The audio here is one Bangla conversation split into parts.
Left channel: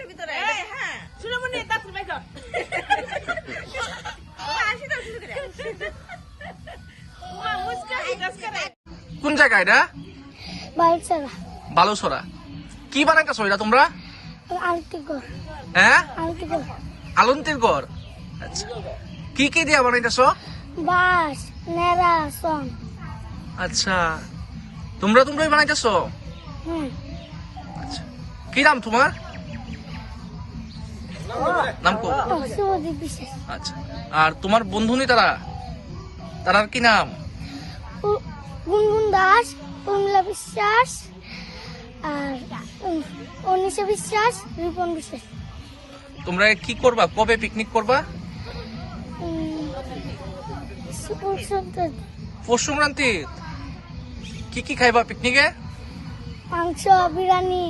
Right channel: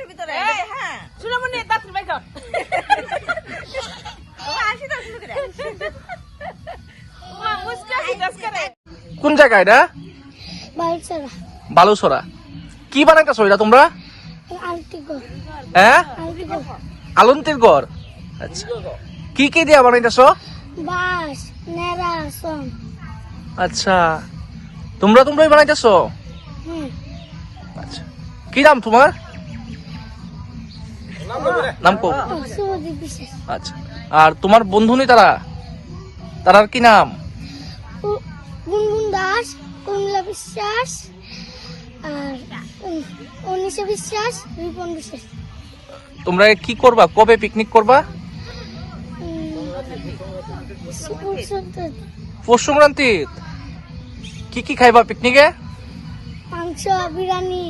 হ্যাঁ। কোন জায়গা এটা? বালছাড়া বালুসরা কি বানাইতেছো এটা তোমরা? হ্যাঁ? আলন্তির ঘর। আচ্ছা। কি কি দিয়া বানাইতেছো? বাস নেড়া সং আচ্ছা। তোমরা তোমরাই বানাইতেছো? আচ্ছা। কি নাম তোমার? নাম কো আচ্ছা। আর তোমার বন্ধুনি তারা? তারার কি নাম? গুনগুন দাস কমলা বিশ্বাস আর অনিশা বিশ্বাস রিপন বিশ্বাস। তোমরা কি করবা? কবে পিকনিক করবা? পৌষ সংক্রান্তি কি কি খাইবা পিকনিকে মাংস বিরিয়ানি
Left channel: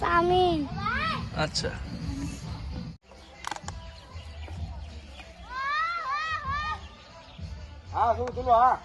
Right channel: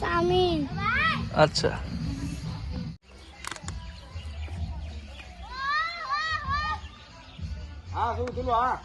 চাউমিন। আচ্ছা। হ্যাঁ তুমি তুমি হ্যাঁ